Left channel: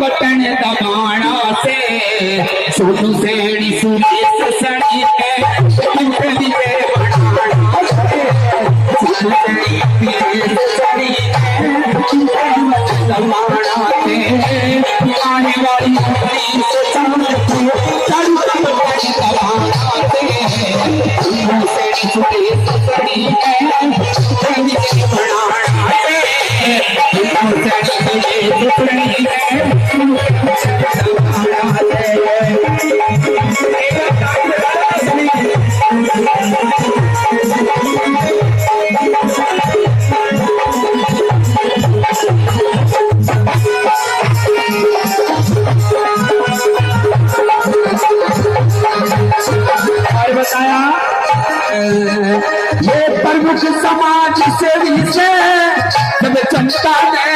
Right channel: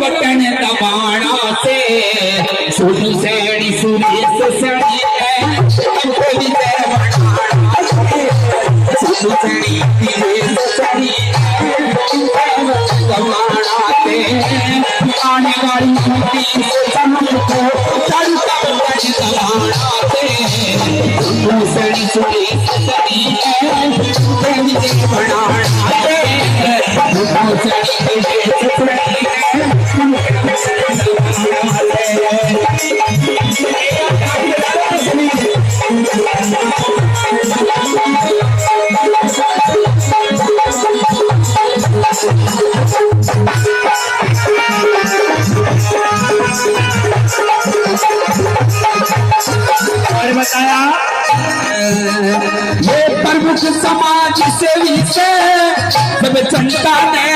वतन दबाना से सोनू सैनी सुरेश सड़ी है कंपनी से बनाना से सोनू सैनी सुरेश सड़ी है वतन दबाना से आने वाली होती से चांद को चढ़ता वतन दबाना से सोनू सैनी सुरेश सड़ी है कंपनी से बनाना से सोनू सैनी सुरेश सड़ी है और बताया ये प्रमुख समाज सेवी से सब जनता ने